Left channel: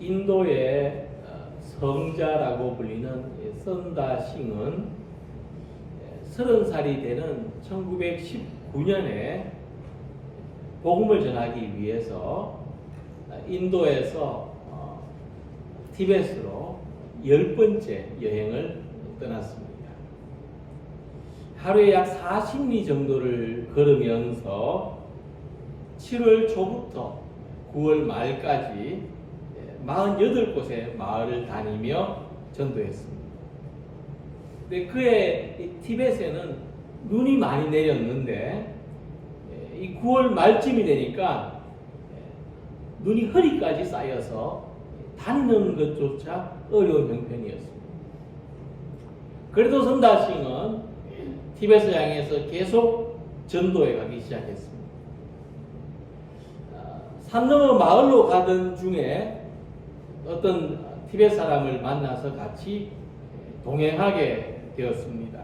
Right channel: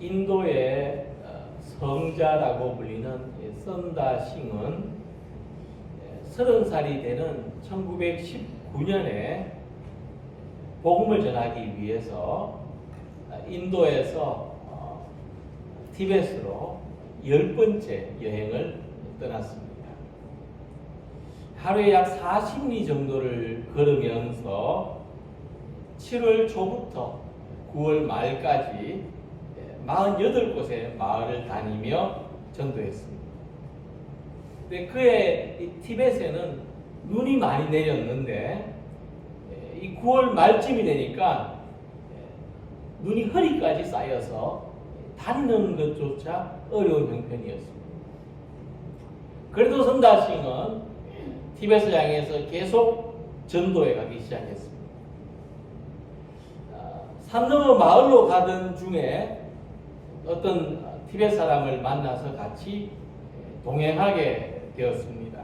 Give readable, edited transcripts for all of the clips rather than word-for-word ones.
인도의 성자라고 불리는 선다싱은 30살이 되는 1919년에 복음을 전하기 위해서 인도에서 티베트로 10번째 여행을 떠났습니다. 하루에 약 40리 정도를 걸으면서 7월 초부터 9월 말까지 48곳의 마을을 다니며 전도했습니다. 근데 그의 티벳에는 눈이 많이 내렸는데 이 9월 말쯤이 되니까 눈이 허리까지 쌓여서 다니는 것조차 어려운 형편이었습니다. 그래도 선다싱은 티벳을 향해서 계속 전도해 가기 시작했습니다. 산 너머 마을로 가던 중에 어떤 티벳 사람을 만나서 같이 동행하게 되었습니다.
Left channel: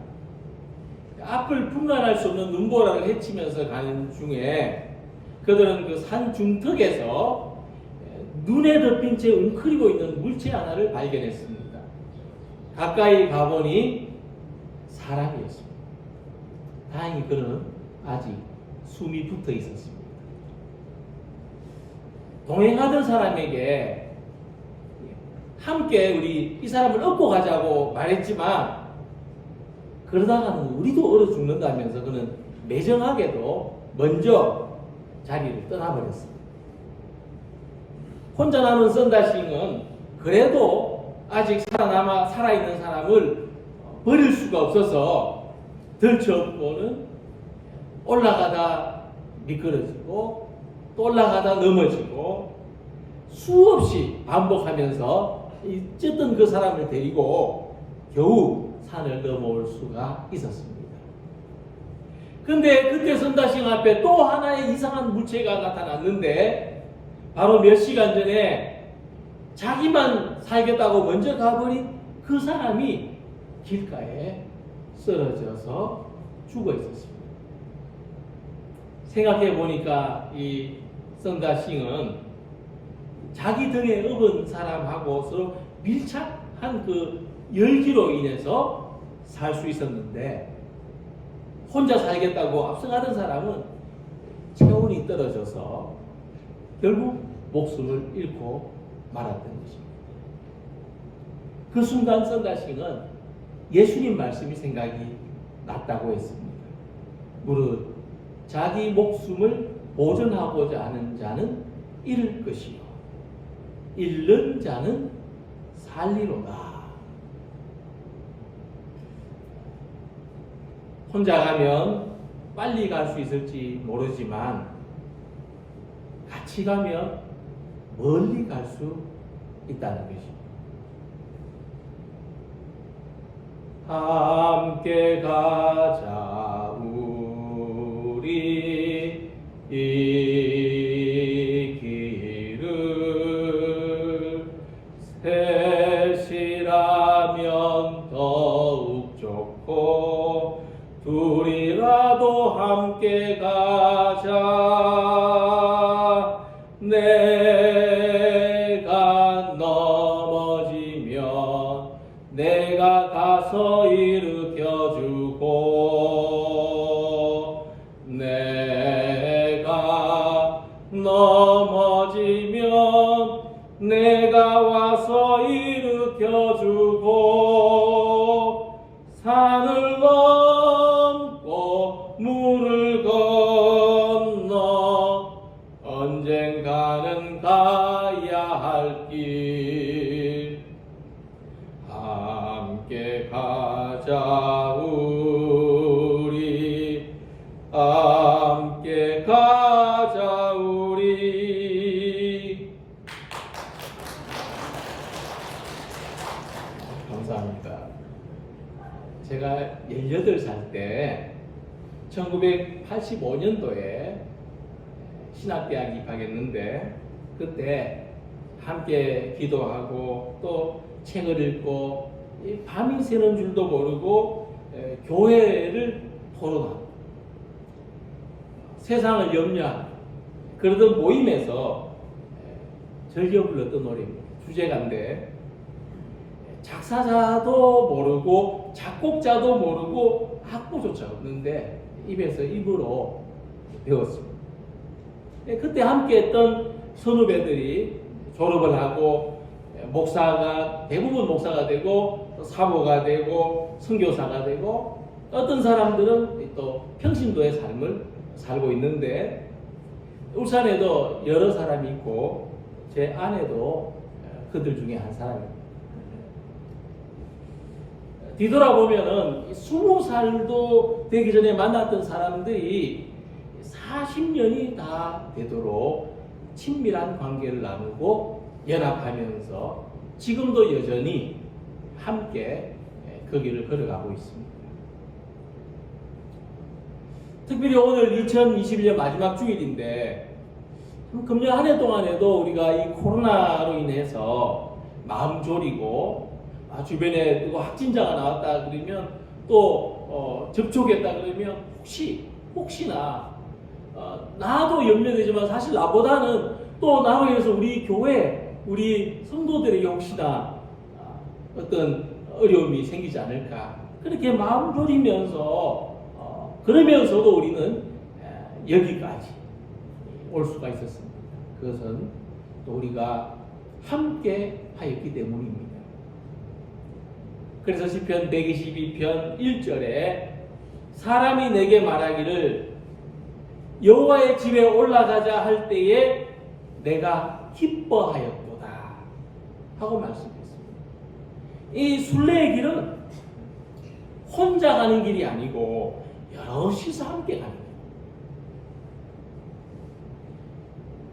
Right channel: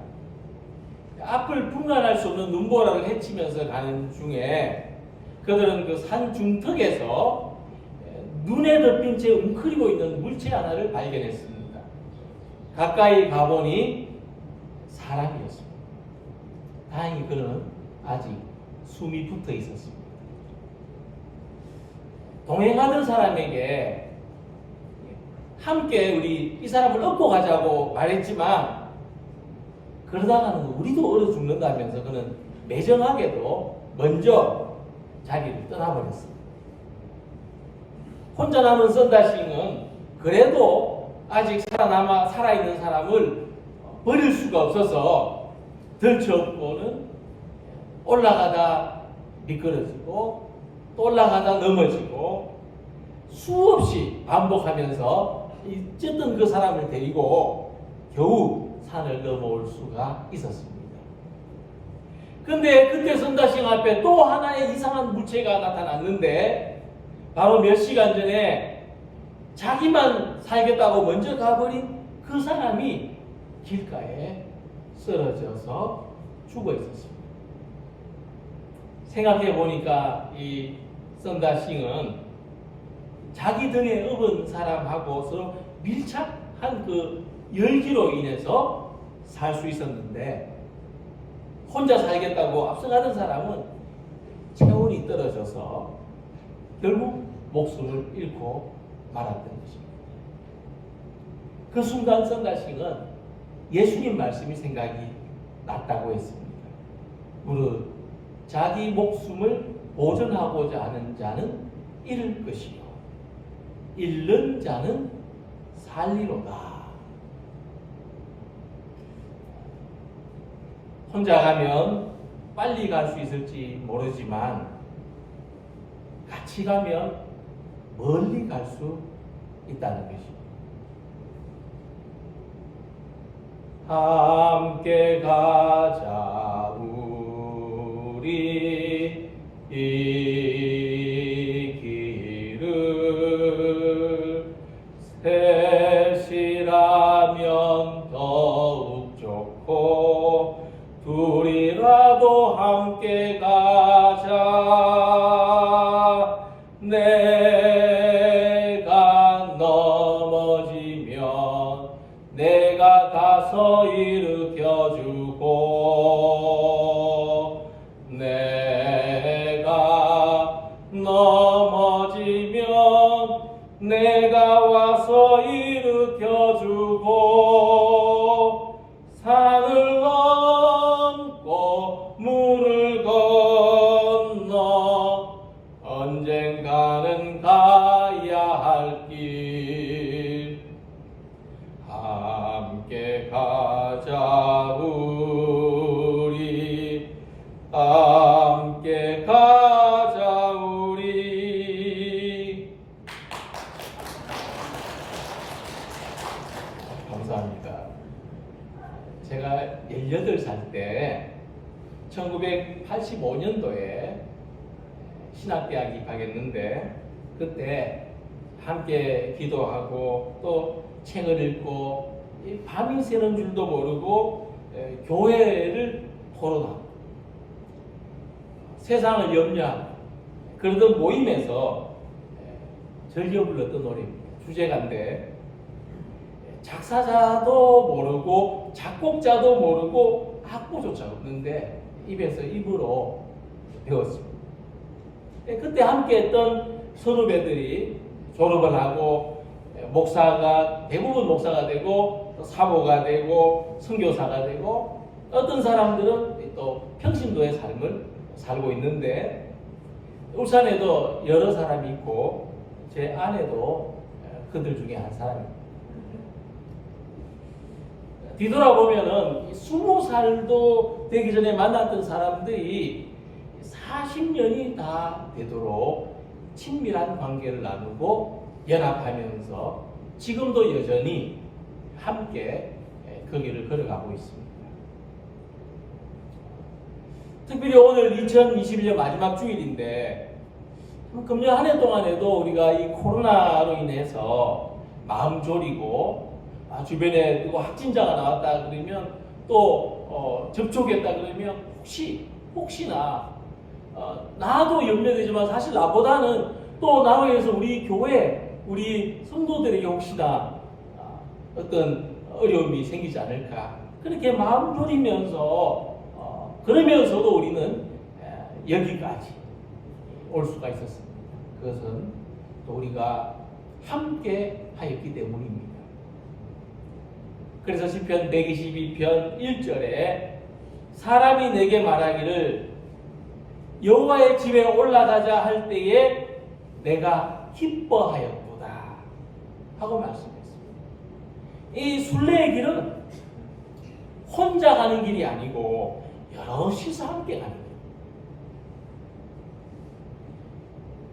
앞을 분간할 수 없는 눈보라를 헤치면서 가는 중에 그들은 그 산 중턱에서 눈에 덮인 채 웅크리고 있는 물체 하나를 발견했습니다. 가까이 가보니 사람이었습니다. 다행히 그는 아직 숨이 붙어 있었습니다. 동행하던 사람에게 함께 우리 이 사람을 업고 가자고 말했지만 그러다가는 우리도 얼어 죽는다면서 그는 매정하게도 먼저 자리를 떠나버렸습니다. 혼자 남은 선다싱은 그래도 아직 살아있는 사람을 버릴 수가 없어서 들쳐업고는 올라가다 미끄러지고 또 올라가다 넘어지고 수없이 반복하면서 어쨌든 그 사람을 데리고 겨우 산을 넘어올 수가 있었습니다. 근데 그때 선다싱 앞에 또 하나의 이상한 물체가 나타났는데 바로 몇 시간 전에 자기만 살겠다고 먼저 가버린 그 사람이 길가에 쓰러져서 죽어 있었습니다. 생각해 보니까 이 선다싱은 자기 등에 업은 사람하고 서로 밀착한 그 열기로 인해서 살 수 있었는데 혼자 살겠다고 앞서가던 사람은 체온이 떨어져서 결국 목숨을 잃고 말았던 것입니다. 그 순간 선다싱은 예수님 말씀이 생각이 났다고 했습니다. 무릇 자기 목숨을 보존하고자 하는 자는 잃을 것이요 잃는 자는 살리로다. 혼자 가면 빨리 갈 수 있을지 모르지만 같이 가면 멀리 갈 수 있다는 것입니다. 함께 가자 우리 이 길을 셋이라면 더욱 좋고 둘이라도 함께 가자. 내가 넘어지면 내가 가서 일으켜주고 내가 넘어지면 내가 와서 일으켜주고 산을 넘고 물을 건너 언젠가는 가야 할 길 함께 가자 우리 함께 가자 우리. 감사합니다. 제가 18살 때 1985년도에 신학대학 입학했는데 그때 함께 기도하고 또 책을 읽고 밤이 새는 줄도 모르고 교회를 토론하고 세상을 염려하고 그러던 모임에서 즐겨 불렀던 노래입니다. 주제가인데 작사자도 모르고 작곡자도 모르고 악보조차 없는데 입에서 입으로 배웠습니다. 그때 함께 했던 선후배들이 졸업을 하고 대부분 목사가 되고 사모가 되고 선교사가 되고 어떤 사람들은 또 평신도의 삶을 살고 있는데 울산에도 여러 사람이 있고 제 아내도 그들 중에 한 사람입니다. 뒤돌아보면은 20살도 되기 전에 만났던 사람들이 40년이 다 되도록 친밀한 관계를 나누고 연합하면서 지금도 여전히 함께 그 길을 걸어가고 있습니다. 특별히 오늘 2021년 마지막 주일인데 금년 한 해 동안에도 우리가 이 코로나로 인해서 마음 졸이고 주변에 누구 확진자가 나왔다 그러면 또 접촉했다 그러면 혹시나 나도 염려되지만 사실 나보다는 또 나로 인해서 우리 교회 우리 성도들에게 혹시나 어떤 어려움이 생기지 않을까 그렇게 마음 졸이면서 그러면서도 우리는 여기까지 올 수가 있었습니다. 그것은 또 우리가 함께 하였기 때문입니다. 그래서 시편 122편 1절에 사람이 내게 말하기를 여호와의 집에 올라가자 할 때에 내가 기뻐하였도다 하고 말씀했습니다. 이 순례의 길은 혼자 가는 길이 아니고 여럿이서 함께 가는 길.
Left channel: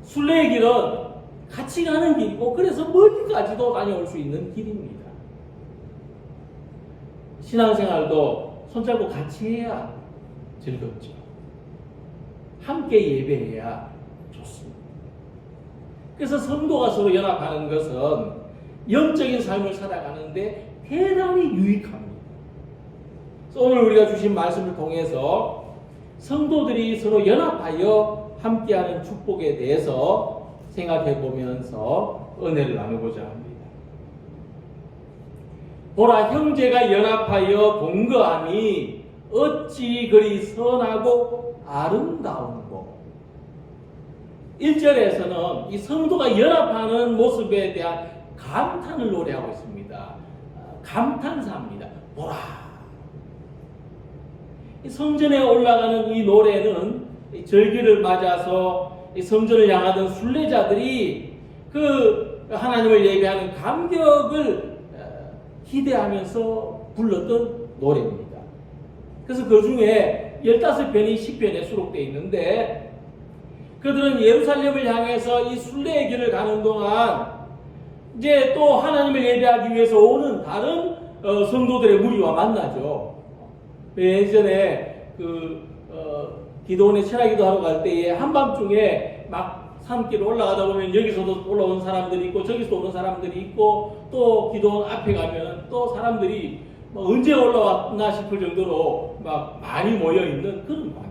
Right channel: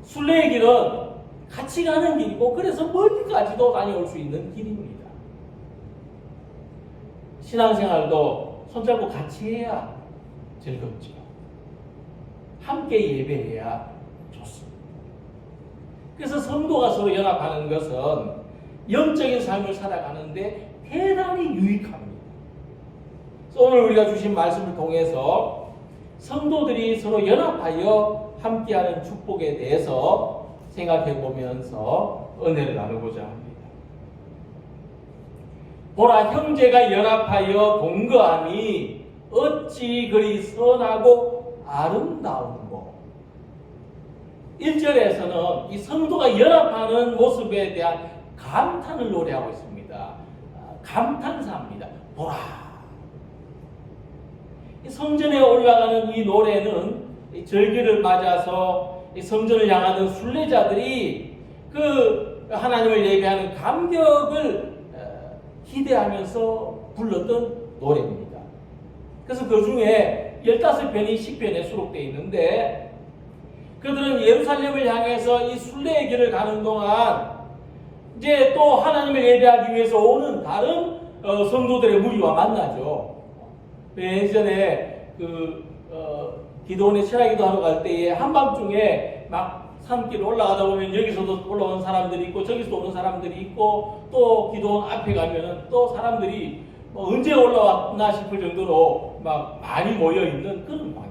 순례의 길은 같이 가는 길이고 그래서 멀리까지도 다녀올 수 있는 길입니다. 신앙생활도 손잡고 같이 해야 즐겁죠. 함께 예배해야 좋습니다. 그래서 성도가 서로 연합하는 것은 영적인 삶을 살아가는데 대단히 유익합니다. 그래서 오늘 우리가 주신 말씀을 통해서 성도들이 서로 연합하여 함께하는 축복에 대해서 생각해 보면서 은혜를 나누고자 합니다. 보라, 형제가 연합하여 동거함이 어찌 그리 선하고 아름다운고. 1절에서는 이 성도가 연합하는 모습에 대한 감탄을 노래하고 있습니다. 감탄사입니다. 보라. 이 성전에 올라가는 이 노래는 이 절기를 맞아서 이 성전을 향하던 순례자들이 그 하나님을 예배하는 감격을 기대하면서 불렀던 노래입니다. 그래서 그 중에 15편이 시편에 수록되어 있는데 그들은 예루살렘을 향해서 이 순례의 길을 가는 동안 이제 또 하나님을 예배하기 위해서 오는 다른 성도들의 무리와 만나죠. 예전에 기도원에 철야기도 하러 갈 때에 한밤중에 막 산길 올라가다 보면 여기서도 올라오는 사람들이 있고 저기서 오는 사람들이 있고 또 기도원 앞에 가면 또 사람들이 뭐 언제 올라왔나 싶을 정도로 막 많이 모여 있는 그런 관계.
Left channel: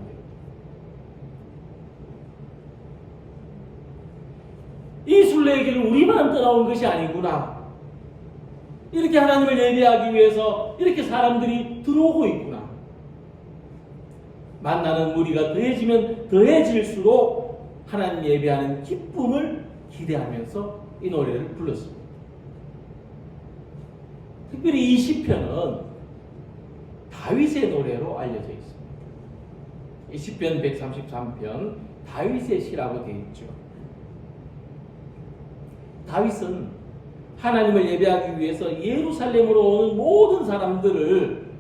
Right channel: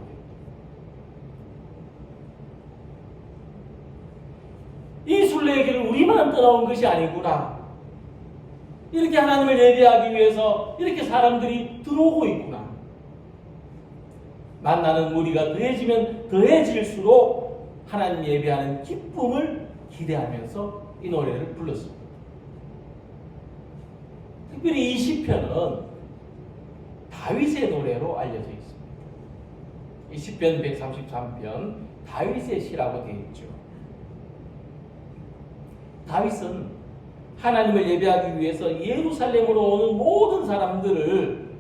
이 순례의 길은 우리만 떠나온 것이 아니구나. 이렇게 하나님을 예배하기 위해서 이렇게 사람들이 들어오고 있구나. 만나는 무리가 더해지면 더해질수록 하나님 예배하는 기쁨을 기대하면서 이 노래를 불렀습니다. 특별히 이 시편은 다윗의 노래로 알려져 있습니다. 이 시편 133편 다윗의 시라고 되어 있죠. 다윗은 하나님을 예배하기 위해서 예루살렘으로 오는 모든 사람들을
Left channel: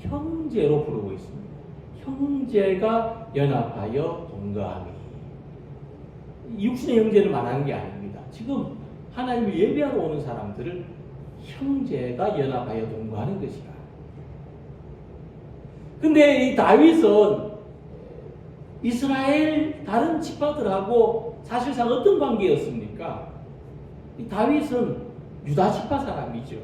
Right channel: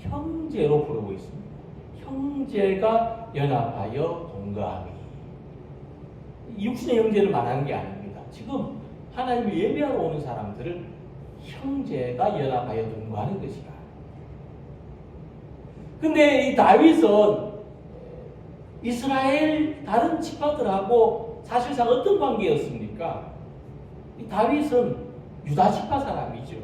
형제로 부르고 있습니다. 형제가 연합하여 동거하니. 육신의 형제를 말하는 게 아닙니다. 지금 하나님을 예배하러 오는 사람들을 형제가 연합하여 동거하는 것이다. 근데 이 다윗은 이스라엘 다른 지파들하고 사실상 어떤 관계였습니까? 이 다윗은 유다 지파 사람이죠.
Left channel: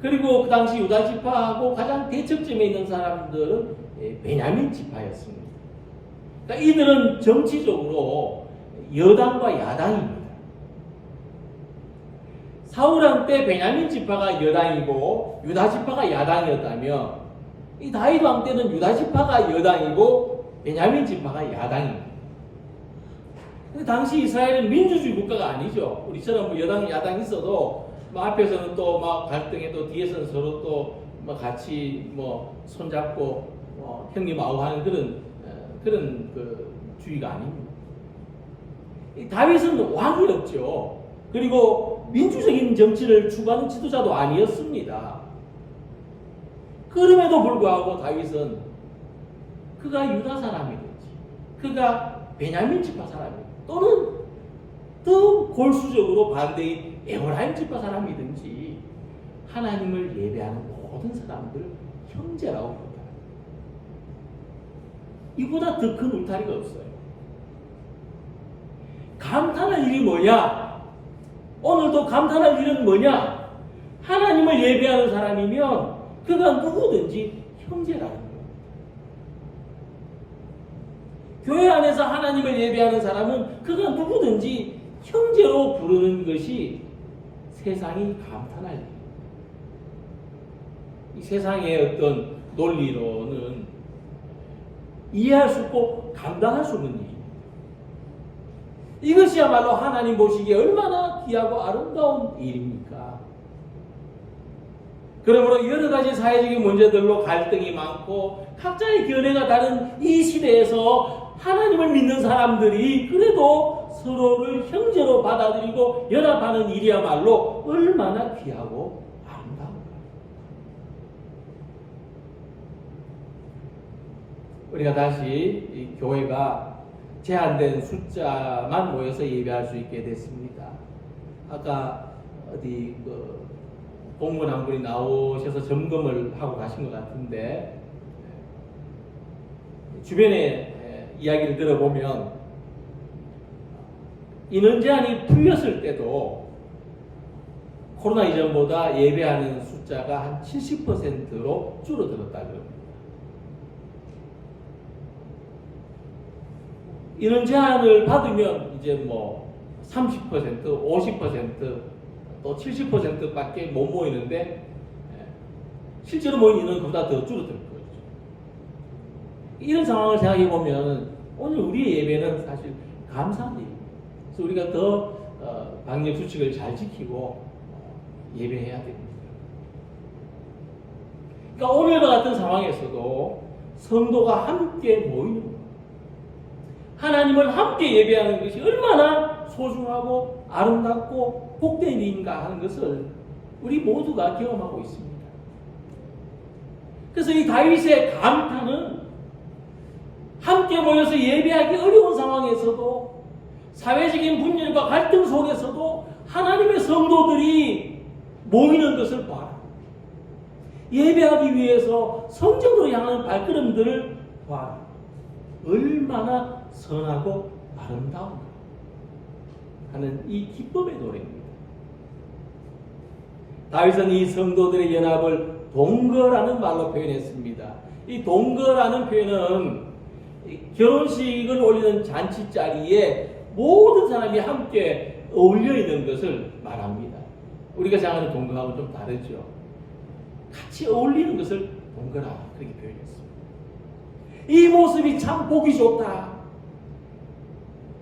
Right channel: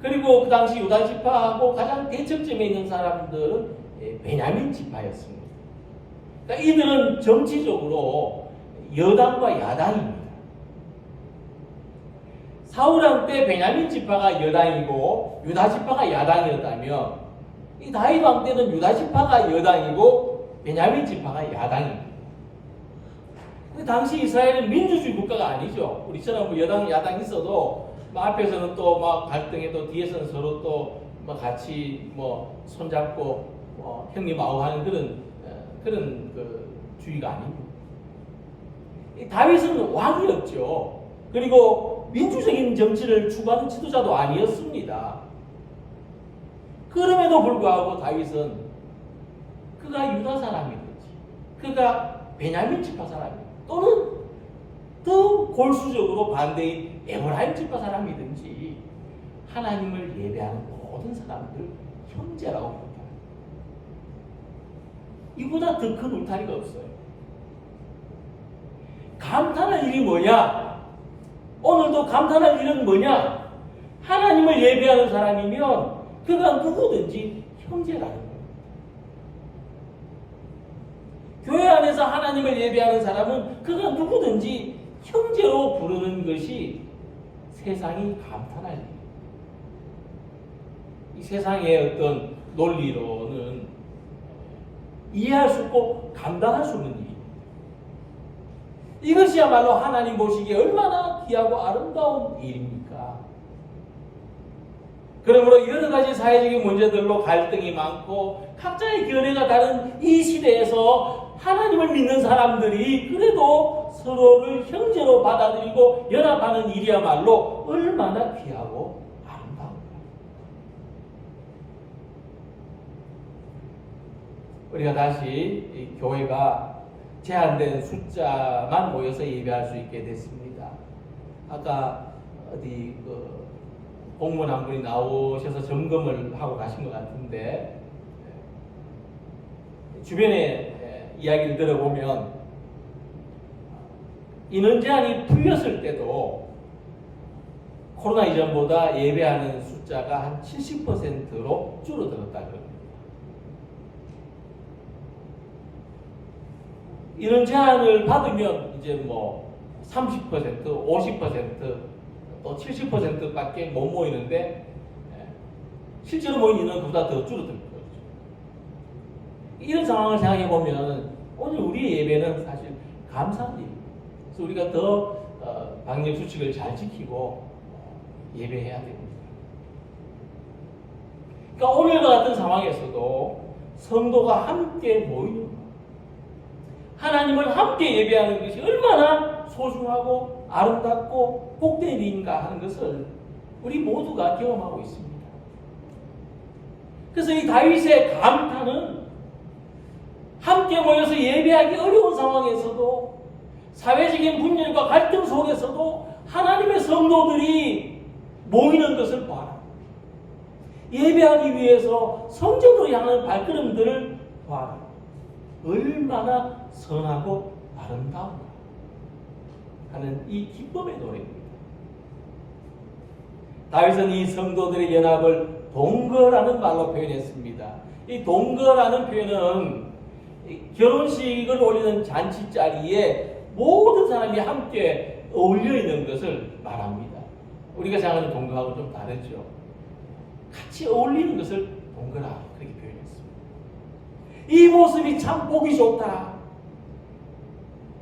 그리고 그 당시 유다 지파하고 가장 대척점에 있는 사람들은 베냐민 지파였습니다. 그러니까 이들은 정치적으로 여당과 야당입니다. 사울 때 베냐민 지파가 여당이고 유다 지파가 야당이었다며 이 다윗 왕 때는 유다 지파가 여당이고 베냐민 지파가 야당입니다. 근데 당시 이스라엘은 민주주의 국가가 아니죠. 우리처럼 뭐 여당 야당 있어도 뭐 앞에서는 또 막 갈등해 또 뒤에서는 서로 또 뭐 같이 뭐 손잡고 형님 아우하는 그런 그 주의가 아닙니다. 이 다윗은 왕이었죠. 그리고 민주적인 정치를 추구하는 지도자도 아니었습니다. 그럼에도 불구하고 다윗은 그가 유다 사람이든지 그가 베냐민 지파 사람이든지 또는 더 골수적으로 반대인 에브라임 지파 사람이든지 하나님을 예배하는 모든 사람들 형제라고 부릅니다. 이보다 더 큰 울타리가 없어요. 감탄할 일이 뭐냐? 오늘도 감탄할 일은 뭐냐? 하나님을 예배하는 사람이면 그가 누구든지 형제라는 거예요. 교회 안에서 하나님을 예배하는 사람은 그가 누구든지 형제로 부르는 것이 세상이 감탄할 일이에요. 이 세상의 어떤 논리로는 이해할 수 없고 감당할 수 없는 일입니다. 이것이야말로 하나님 보시기에 얼마나 귀하고 아름다운 일입니까? 그러므로 여러 가지 사회적인 문제들로 갈등이 많고 각자의 견해가 다른 이 시대에서 하나님을 믿는 사람들이 그래도 서로를 형제로 받아들이고 연합하는 일이야말로 얼마나 귀하고 아름다운가. 우리가 다시 이 교회가 제한된 숫자만 모여서 예배할 수 있게 됐습니다. 아까 어디 공무원 한 분이 나오셔서 점검을 하고 가신 것 같은데 주변에 이야기를 들어보면 인원 제한이 풀렸을 때도 코로나 이전보다 예배하는 숫자가 한 70%로 줄어들었다 그럽니다. 인원 제한을 받으면 이제 뭐 30%, 50%, 또 70%밖에 못 모이는데 실제로 모인 인원은 그보다 더 줄어들 거죠. 이런 상황을 생각해 보면 오늘 우리의 예배는 사실 감사한 일입니다. 그래서 우리가 더 방역 수칙을 잘 지키고 예배해야 됩니다. 그러니까 오늘과 같은 상황에서도 성도가 함께 모이는 것, 하나님을 함께 예배하는 것이 얼마나 소중하고 아름답고 복된 일인가 하는 것을 우리 모두가 경험하고 있습니다. 그래서 이 다윗의 감탄은 함께 모여서 예배하기 어려운 상황에서도 사회적인 분열과 갈등 속에서도 하나님의 성도들이 모이는 것을 봐라. 예배하기 위해서 성전으로 향하는 발걸음들을 봐라. 얼마나 선하고 아름다운가 하는 이 기쁨의 노래입니다. 다윗은 이 성도들의 연합을 동거라는 말로 표현했습니다. 이 동거라는 표현은 결혼식을 올리는 잔치 자리에 모든 사람이 함께 어울려 있는 것을 말합니다. 우리가 생각하는 동거하고 좀 다르죠. 같이 어울리는 것을 동거라 그렇게 표현했습니다. 이 모습이 참 보기 좋다.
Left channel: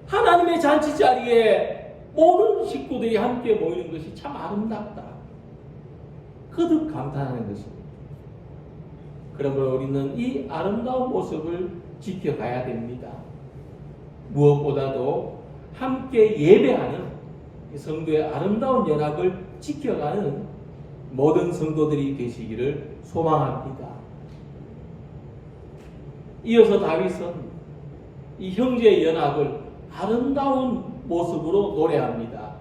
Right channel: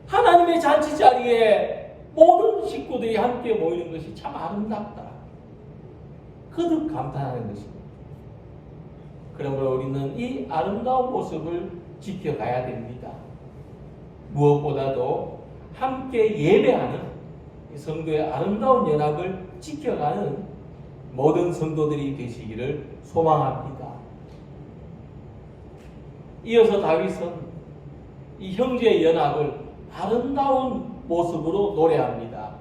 하나님의 잔치 자리에 모든 식구들이 함께 모이는 것이 참 아름답다. 거듭 감탄하는 것입니다. 그러므로 우리는 이 아름다운 모습을 지켜가야 됩니다. 무엇보다도 함께 예배하는 성도의 아름다운 연합을 지켜가는 모든 성도들이 되시기를 소망합니다. 이어서 다윗은 이 형제의 연합을 아름다운 모습으로 노래합니다.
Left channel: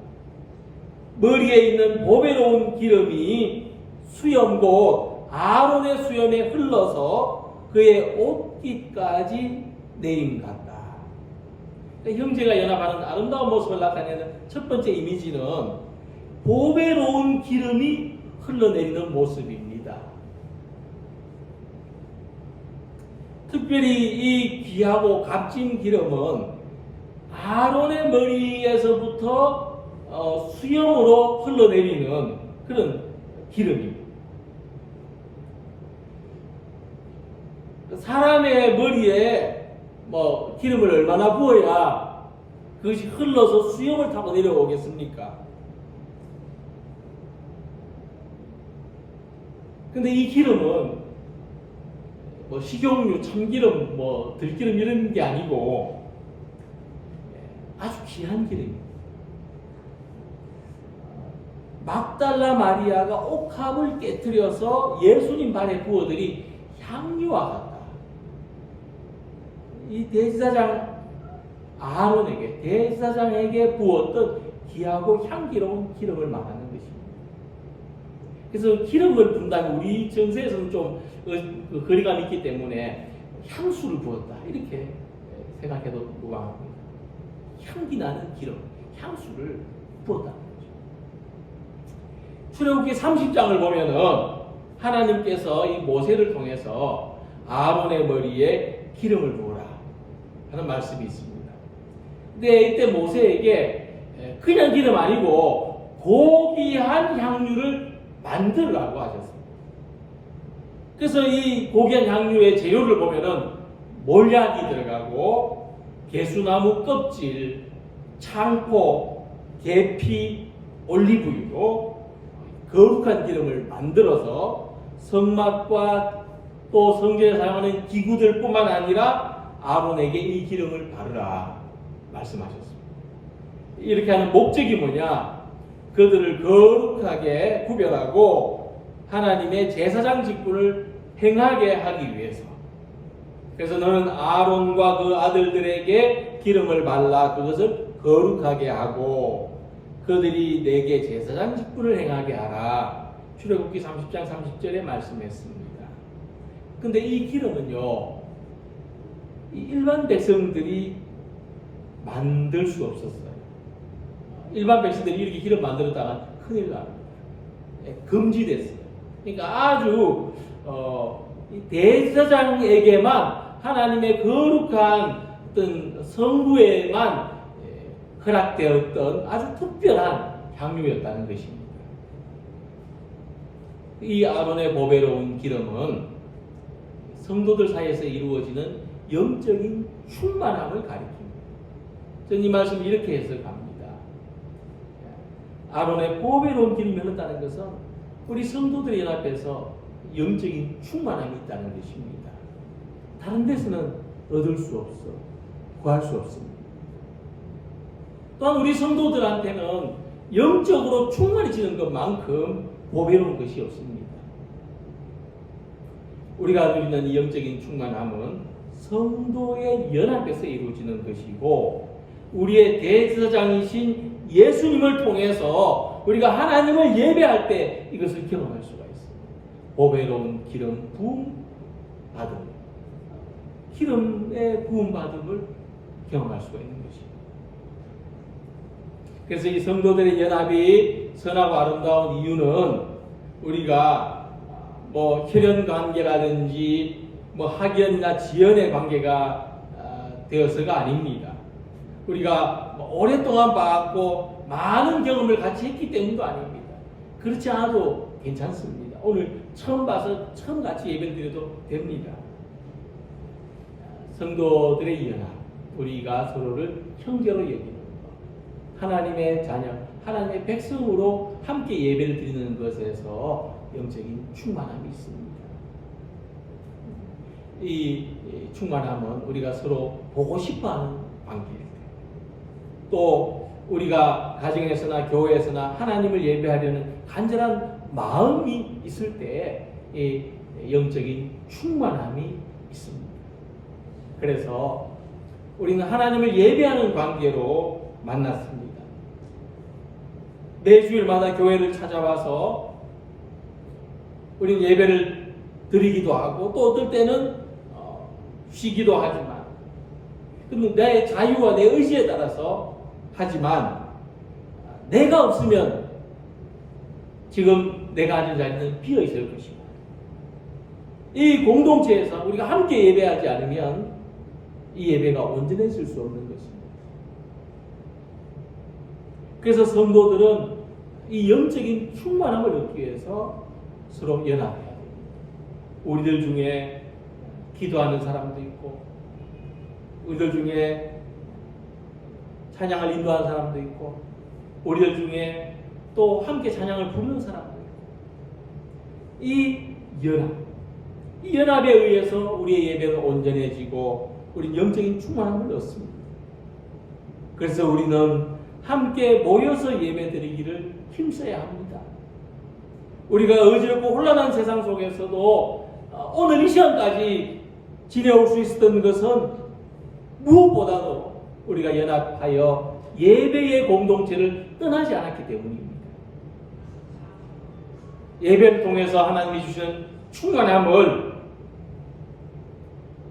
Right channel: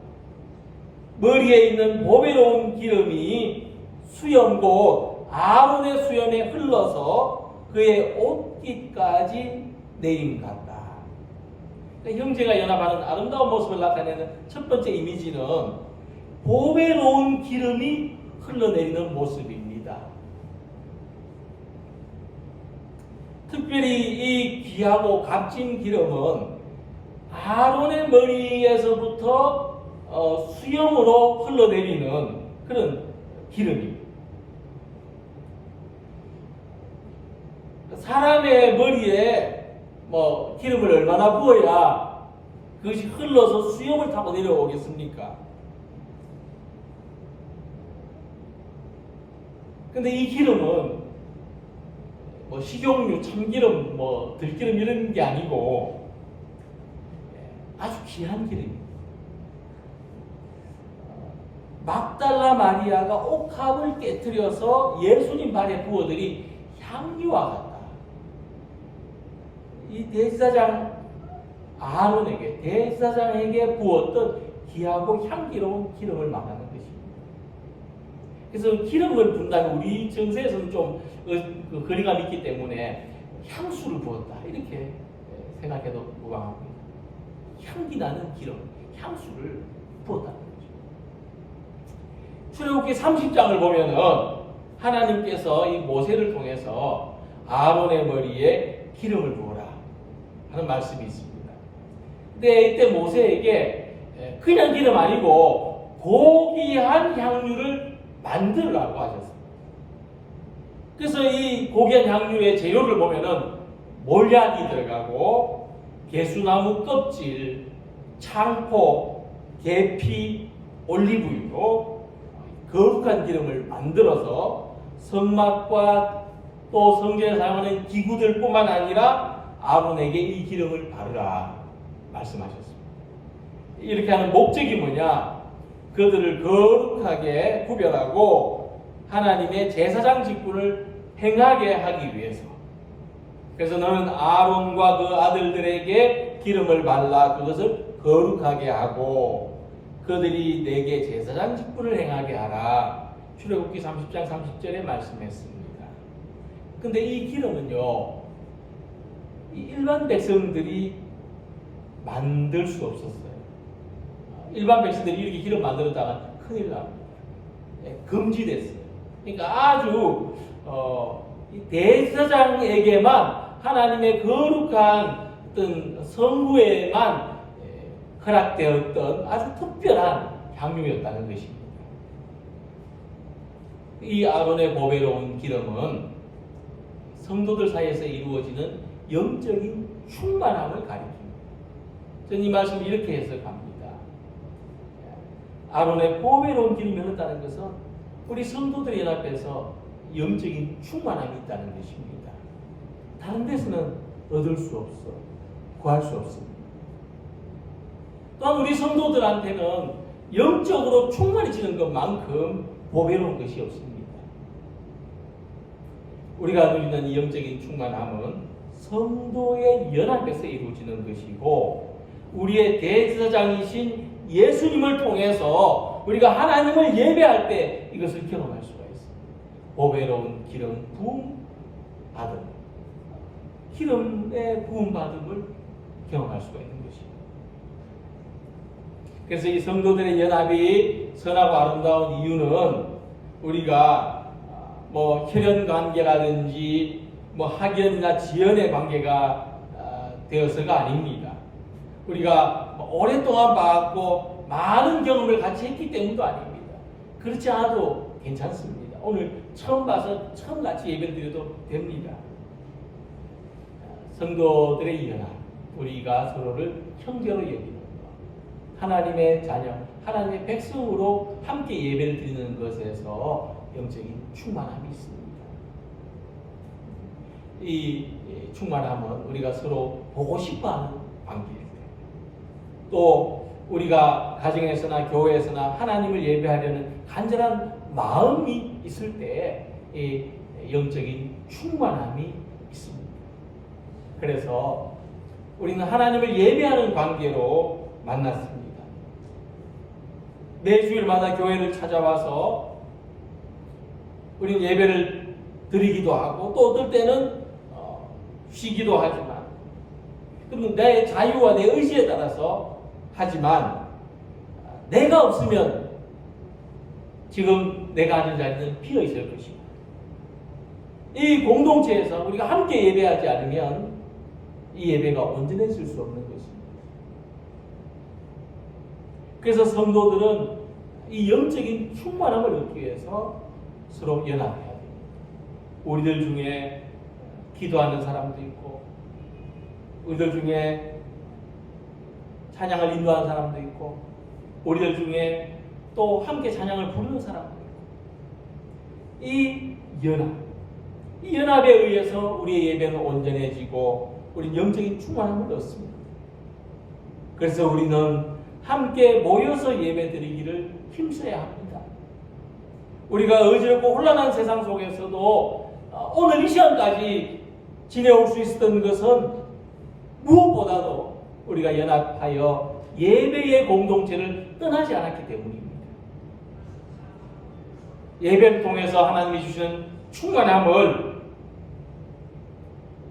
머리에 있는 보배로운 기름이 수염 곧 아론의 수염에 흘러서 그의 옷깃까지 내림 같다. 그러니까 형제가 연합하는 아름다운 모습을 나타내는 첫 번째 이미지는 보배로운 기름이 흘러내리는 모습입니다. 특별히 이 귀하고 값진 기름은 아론의 머리에서부터 수염으로 흘러내리는 그런 기름입니다. 사람의 머리에 뭐 기름을 얼마나 부어야 그것이 흘러서 수염을 타고 내려오겠습니까? 근데 이 기름은 뭐 식용유, 참기름, 뭐 들기름 이런 게 아니고 아주 귀한 기름입니다. 막달라 마리아가 옥합을 깨뜨려서 예수님 발에 부어들인 향유와 같다. 이 대제사장 아론에게, 대제사장에게 부었던 귀하고 향기로운 기름을 말하는 것입니다. 그래서 기름을 분다면 우리 정세에서는 좀 거리감이 있기 때문에 향수를 부었다 이렇게 생각해도 무방합니다. 향기 나는 기름, 향수를 부었다는 거죠. 출애굽기 30장을 보면은 하나님께서 이 모세를 통해서 아론의 머리에 기름을 부으라 하는 말씀이 있습니다. 근데 이때 모세에게 그냥 기름 아니고 고귀한 향유를 만들라고 하셨습니다. 그래서 이 고귀한 향유의 재료를 보면은 몰약이 들어가고 개수나무 껍질, 창포, 계피, 올리브유로 거룩한 기름을 만들어서 성막과 또 성전에 사용하는 기구들뿐만 아니라 아론에게 이 기름을 바르라 말씀하셨습니다. 이렇게 하는 목적이 뭐냐? 그들을 거룩하게 구별하고 하나님의 제사장 직분을 행하게 하기 위해서. 그래서 너는 아론과 그 아들들에게 기름을 발라 그것을 거룩하게 하고 그들이 내게 제사장 직분을 행하게 하라. 출애굽기 30장 30절에 말씀했습니다. 근데 이 기름은요, 일반 백성들이 만들 수 없었어요. 일반 백성들이 이렇게 기름 만들었다가 큰일 납니다. 금지됐어요. 그러니까 아주 대제사장에게만 하나님의 거룩한 어떤 성구에만 허락되었던 아주 특별한 향유였다는 것입니다. 이 아론의 보배로운 기름은 성도들 사이에서 이루어지는 영적인 충만함을 가리킵니다. 저는 이 말씀을 이렇게 해석합니다. 아론의 보배로운 기름이 흐른다는 것은 우리 성도들의 연합에서 영적인 충만함이 있다는 것입니다. 다른 데서는 얻을 수 없어, 구할 수 없습니다. 또한 우리 성도들한테는 영적으로 충만해지는 것만큼 보배로운 것이 없습니다. 우리가 누리는 이 영적인 충만함은 성도의 연합에서 이루어지는 것이고 우리의 대제사장이신 예수님을 통해서 우리가 하나님을 예배할 때 이것을 경험할 수가 있습니다. 보배로운 기름 부음 받음, 기름의 부음 받음을 경험할 수가 있는 것입니다. 그래서 이 성도들의 연합이 선하고 아름다운 이유는 우리가 뭐 혈연 관계라든지 뭐 학연이나 지연의 관계가 되어서가 아닙니다. 우리가 오랫동안 봐왔고 많은 경험을 같이 했기 때문도 아닙니다. 그렇지 않아도 괜찮습니다. 오늘 처음 봐서 처음 같이 예배를 드려도 됩니다. 성도들의 연합, 우리가 서로를 형제로 여기는 것, 하나님의 자녀, 하나님의 백성으로 함께 예배를 드리는 것에서 영적인 충만함이 있습니다. 이 충만함은 우리가 서로 보고 싶어하는 관계일 때, 또 우리가 가정에서나 교회에서나 하나님을 예배하려는 간절한 마음이 있을 때 이 영적인 충만함이 있습니다. 그래서 우리는 하나님을 예배하는 관계로 만났습니다. 매주일마다 교회를 찾아와서 우리는 예배를 드리기도 하고 또 어떨 때는 쉬기도 하지만 그럼 내 자유와 내 의지에 따라서 하지만 내가 없으면 지금 내가 앉은 자리는 비어 있을 것이고 이 공동체에서 우리가 함께 예배하지 않으면 이 예배가 온전해질 수 없는 것입니다. 그래서 성도들은 이 영적인 충만함을 얻기 위해서 서로 연합해야 됩니다. 우리들 중에 기도하는 사람도 있고, 우리들 중에 찬양을 인도하는 사람도 있고, 우리들 중에 또 함께 찬양을 부르는 사람도 있고, 이 연합에 의해서 우리의 예배는 온전해지고 우리 영적인 충만함을 얻습니다. 그래서 우리는 함께 모여서 예배드리기를 힘써야 합니다. 우리가 어지럽고 혼란한 세상 속에서도 오늘 이 시간까지 지내올 수 있었던 것은 무엇보다도 우리가 연합하여 예배의 공동체를 떠나지 않았기 때문입니다. 예배를 통해서 하나님이 주신 충만함을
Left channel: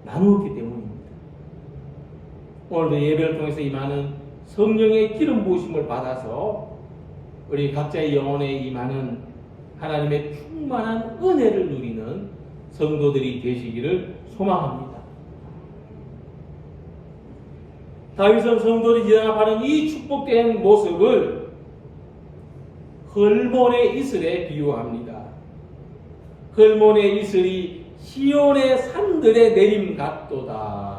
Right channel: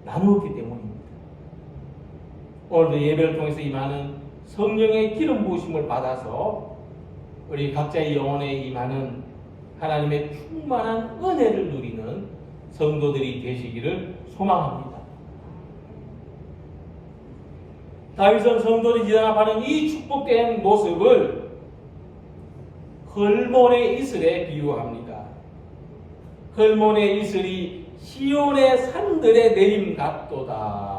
나누었기 때문입니다. 오늘도 예배를 통해서 임하는 성령의 기름 부으심을 받아서 우리 각자의 영혼에 임하는 하나님의 충만한 은혜를 누리는 성도들이 되시기를 소망합니다. 다윗은 성도들이 연합하는 이 축복된 모습을 헐몬의 이슬에 비유합니다. 헐몬의 이슬이 시온의 산들에 내림 같도다.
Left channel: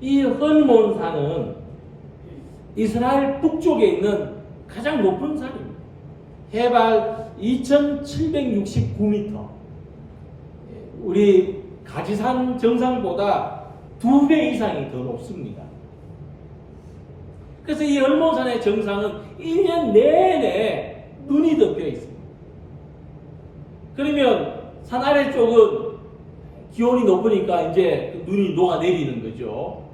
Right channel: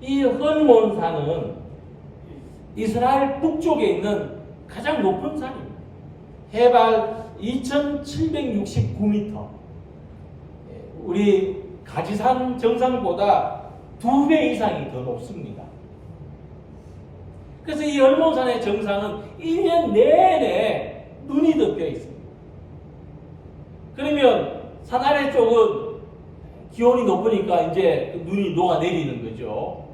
이 헐몬산은 이스라엘 북쪽에 있는 가장 높은 산입니다. 해발 2769m. 우리 가지산 정상보다 2배 이상이 더 높습니다. 그래서 이 헐몬산의 정상은 1년 내내 눈이 덮여 있습니다. 그러면 산 아래쪽은 기온이 높으니까 이제 눈이 녹아내리는 거죠.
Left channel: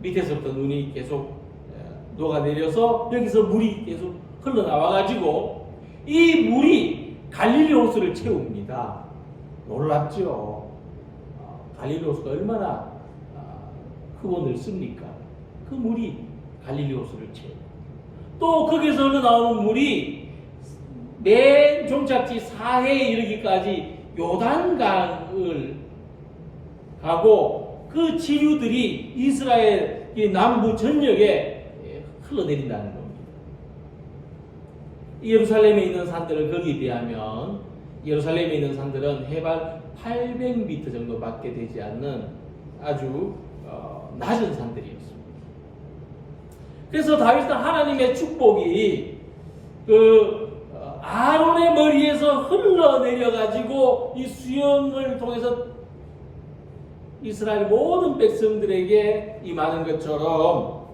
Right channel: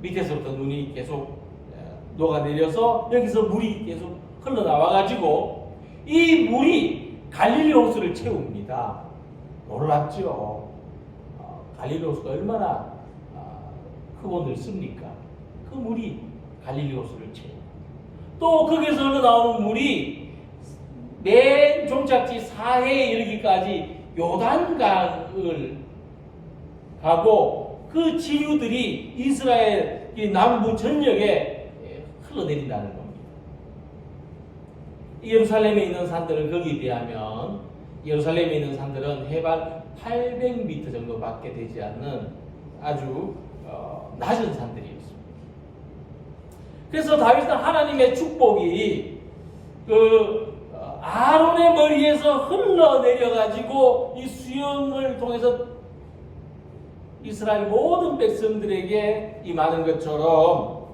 밑에서부터 눈이 계속 녹아내려서 여기서 물이 계속 흘러나와가지고 이 물이 갈릴리 호수를 채웁니다. 놀랍죠? 갈릴리 호수가 얼마나 크고 넓습니까? 그 물이 갈릴리 호수를 채웁니다. 또 거기서 흘러나오는 물이 맨 종착지 사해에 이르기까지 요단강을 가고 그 지류들이 이스라엘 남부 전역에 흘러내린다는 겁니다. 예루살렘에 있는 산들은 거기에 비하면 예루살렘에 있는 산들은 해발 800m 정도밖에 되지 않는 아주 낮은 산들이었습니다. 그래서 다윗은 하나님의 축복이 아론의 머리에서 흘러내려가지고 이 수영을 통해서 이스라엘 모든 백성들에게 임하는 것처럼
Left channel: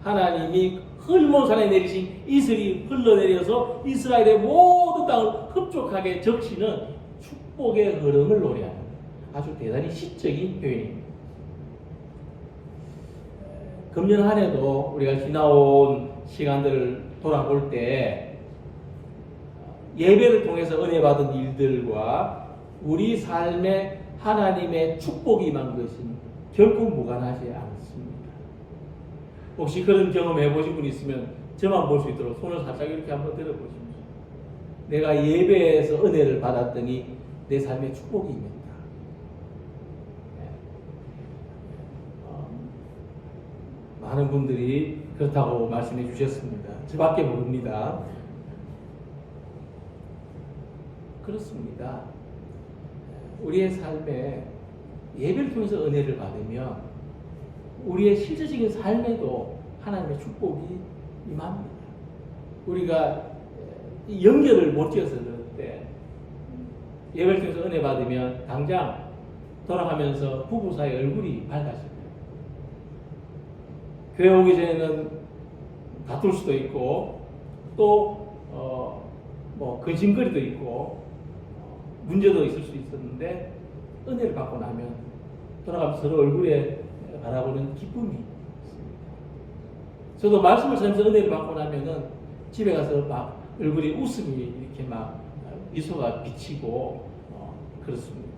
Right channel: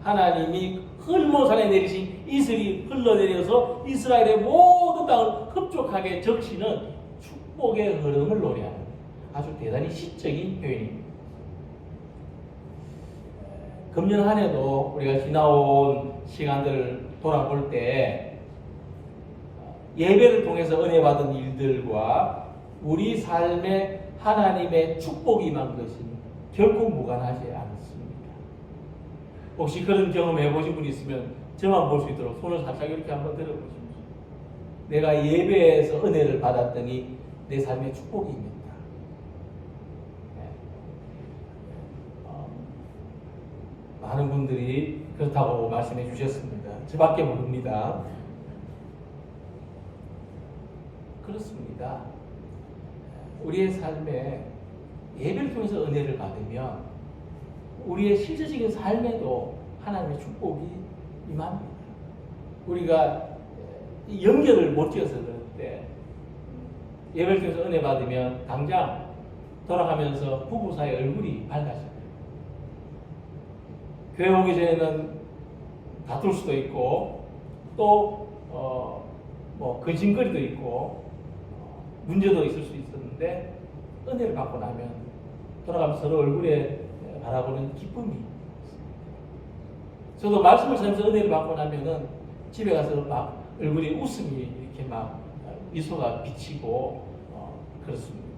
하나님이 헐몬산에 내리신 이슬이 흘러내려서 이스라엘의 모든 땅을 흡족하게 적시는 축복의 흐름을 노래하는 아주 대단히 시적인 표현입니다. 금년 한 해도 우리가 지나온 시간들을 돌아볼 때 예배를 통해서 은혜 받은 일들과 우리 삶에 하나님의 축복이 임한 것은 결코 무관하지 않습니다. 혹시 그런 경험 해보신 분 있으면 저만 볼 수 있도록 손을 살짝 이렇게 한번 들어보십시오. 내가 예배에서 은혜를 받았더니 내 삶에 축복이 임했다. 많은 분들이 그렇다고 말씀해 주셨습니다. 저밖에 모릅니다. 그렇습니다. 우리의 삶에 예배를 통해서 은혜를 받으면 우리의 실제적인 삶에도 하나님의 축복이 임합니다. 우리가 연결을 못 지어서 그런데 예배를 통해서 은혜 받으면 당장 돌아가면서 부부 사이 얼굴이 밝아져요. 교회 오기 전에는 다툴 수도 있고 또 근심거리도 있고 문제도 있을 수 있었는데 은혜를 받고 나면 돌아가면서 서로 얼굴에 바라보는 기쁨이 있습니다. 저도 말씀을 전하면서 은혜를 받고 나면은 집에 가서 막 얼굴에 웃음이 이렇게 막 미소가 비치고 그렇습니다.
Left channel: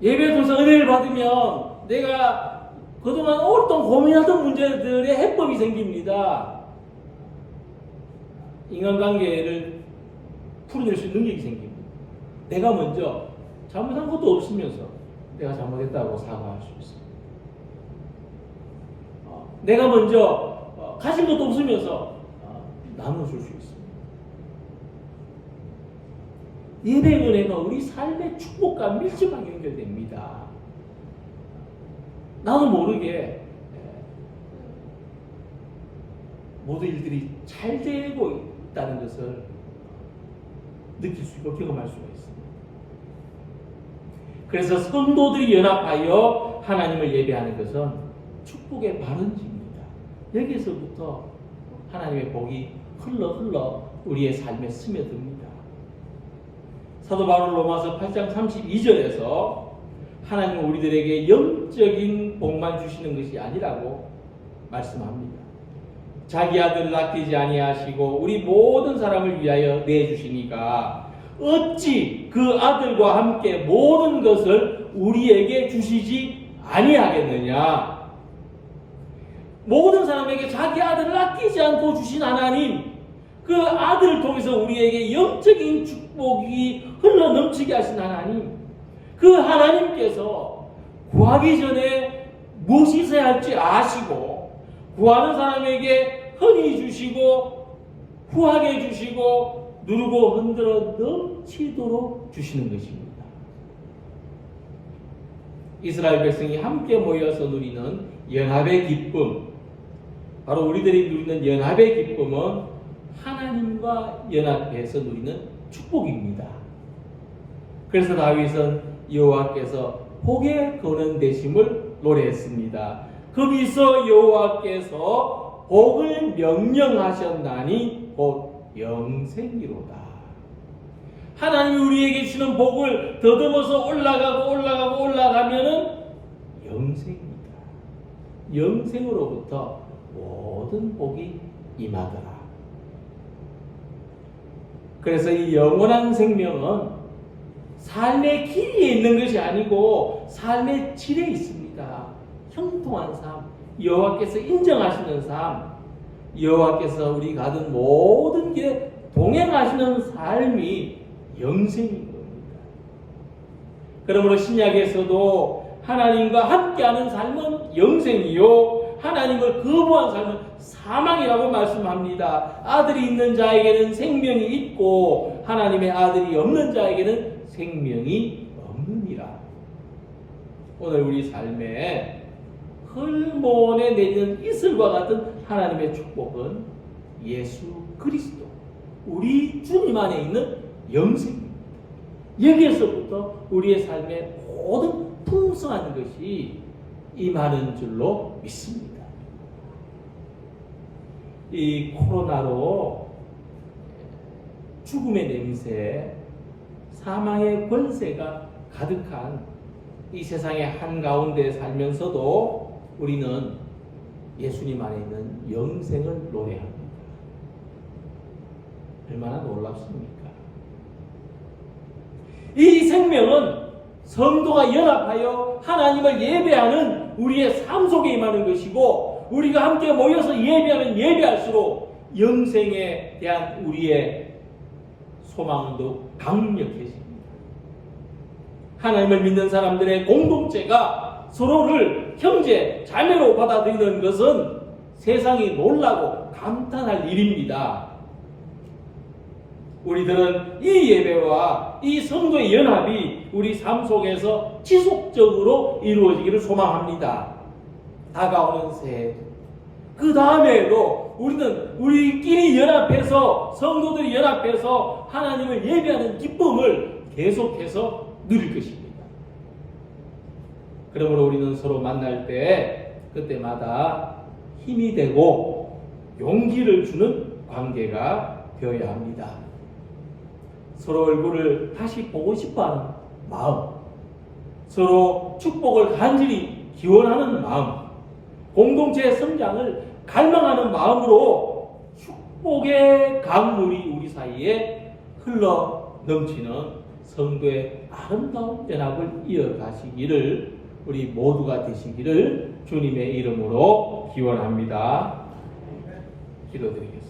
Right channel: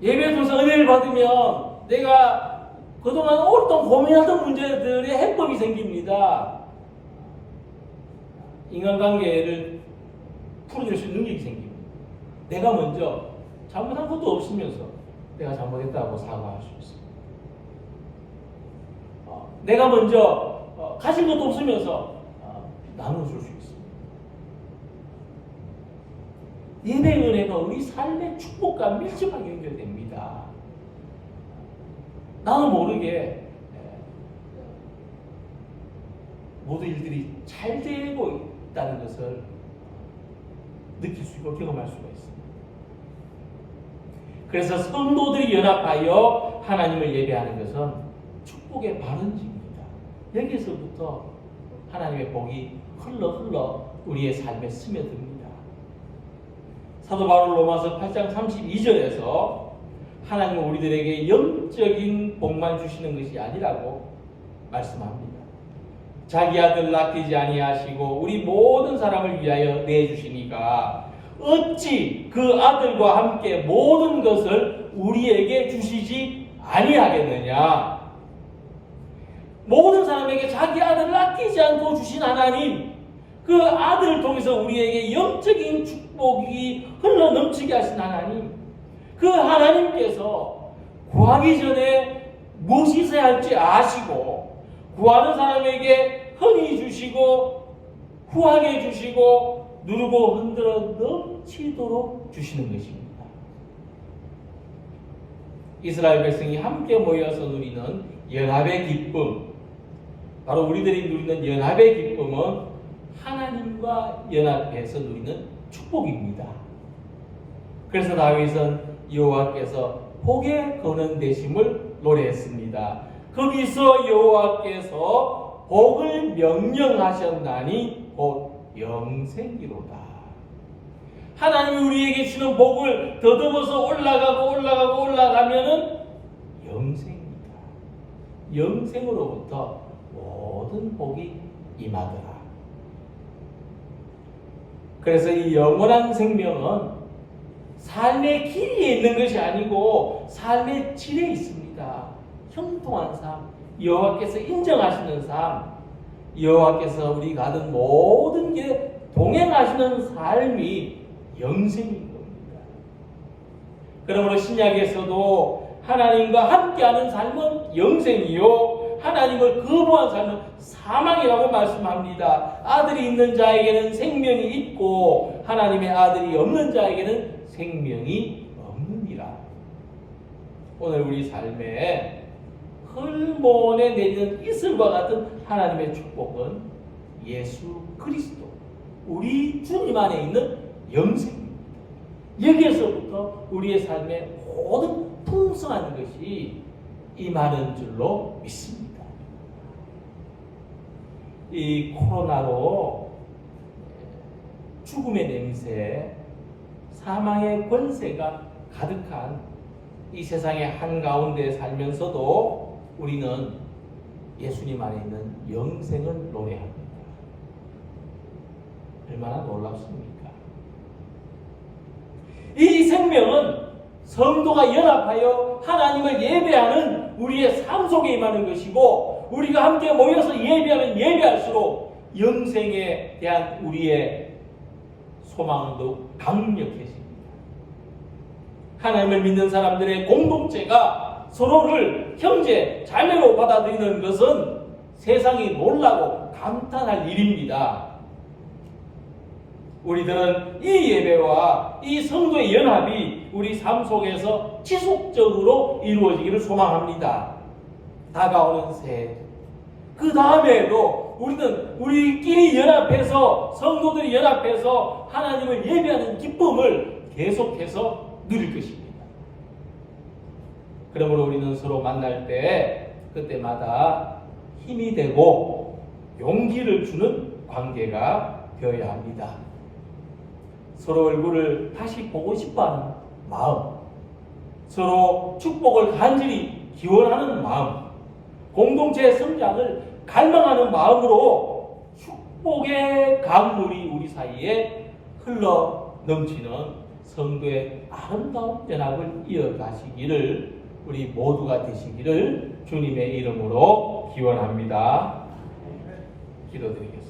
예배를 통해서 은혜를 받으면 내가 그동안 오랫동안 고민하던 문제들의 해법이 생깁니다. 인간관계를 풀어낼 수 있는 능력이 생깁니다. 내가 먼저 잘못한 것도 없으면서 내가 잘못했다고 사과할 수 있습니다. 내가 먼저 가진 것도 없으면서 나눠줄 수 있습니다. 예배의 은혜가 우리 삶의 축복과 밀접하게 연결됩니다. 나도 모르게 모든 일들이 잘 되고 있다는 것을 느낄 수 있고 경험할 수가 있습니다. 그래서 성도들이 연합하여 하나님을 예배하는 것은 축복의 발원지입니다. 여기서부터 하나님의 복이 흘러 우리의 삶에 스며듭니다. 사도 바울 로마서 8장 32절에서 하나님은 우리들에게 영적인 복만 주시는 것이 아니라고 말씀합니다. 자기 아들을 아끼지 아니하시고 우리 모든 사람을 위하여 내주시니까 어찌 그 아들과 함께 모든 것을 우리에게 주시지 아니하겠느냐. 모든 사람에게 자기 아들을 아끼지 않고 주신 하나님, 그 아들을 통해서 우리에게 영적인 축복이 흘러넘치게 하신 하나님, 그 하나님께서 구하기 전에 무엇이 있어야 할지 아시고 구하는 사람에게 흔히 주시고 후하게 주시고 누르고 흔들어 넘치도록 주시는 것입니다. 이스라엘 백성이 함께 모여서 누리는 연합의 기쁨, 바로 우리들이 누리는 연합의 기쁨은 하나님과 연합해서 누리는 축복입니다. 그래서 다윗은 여호와께서 복의 근원 되심을 노래했습니다. 거기서 여호와께서 복을 명령하셨나니 곧 영생이로다. 하나님이 우리에게 주는 복을 더듬어서 올라가면은 영생입니다. 영생으로부터 모든 복이 임하더라. 그래서 이 영원한 생명은 삶의 길이에 있는 것이 아니고 삶의 질에 있습니다. 형통한 삶, 여호와께서 인정하시는 삶, 여호와께서 우리가 하던 모든 게 동행하시는 삶이 영생인 겁니다. 그러므로 신약에서도 하나님과 함께하는 삶은 영생이요, 하나님을 거부한 삶은 사망이라고 말씀합니다. 아들이 있는 자에게는 생명이 있고 하나님의 아들이 없는 자에게는 생명이 없느니라. 오늘 우리 삶에 흘몬에 내리는 이슬과 같은 하나님의 축복은 예수 그리스도, 우리 주님 안에 있는 영생입니다. 여기에서부터 우리의 삶의 모든 풍성한 것이 임하는 줄로 믿습니다. 이 코로나로 죽음의 냄새, 사망의 권세가 가득한 이 세상의 한가운데 살면서도 우리는 예수님 안에 있는 영생을 노래합니다. 얼마나 놀랍습니까? 이 생명은 성도가 연합하여 하나님을 예배하는 우리의 삶 속에 임하는 것이고, 우리가 함께 모여서 예배하면 예배할수록 영생에 대한 우리의 소망은 더욱 강력해집니다. 하나님을 믿는 사람들의 공동체가 서로를 형제, 자매로 받아들이는 것은 세상이 놀라고 감탄할 일입니다. 우리들은 이 예배와 이 성도의 연합이 우리 삶 속에서 지속적으로 이루어지기를 소망합니다. 다가오는 새해, 그 다음에도 우리는 우리끼리 연합해서, 성도들이 연합해서 하나님을 예배하는 기쁨을 계속해서 누릴 것입니다. 그러므로 우리는 서로 만날 때 그때마다 힘이 되고 용기를 주는 관계가 되어야 합니다. 서로 얼굴을 다시 보고 싶어하는 마음, 서로 축복을 간절히 기원하는 마음, 공동체의 성장을 갈망하는 마음으로 축복의 강물이 우리 사이에 흘러 넘치는 성도의 아름다운 연합을 이어가시기를, 우리 모두가 되시기를 주님의 이름으로 기원합니다. 기도드리겠습니다.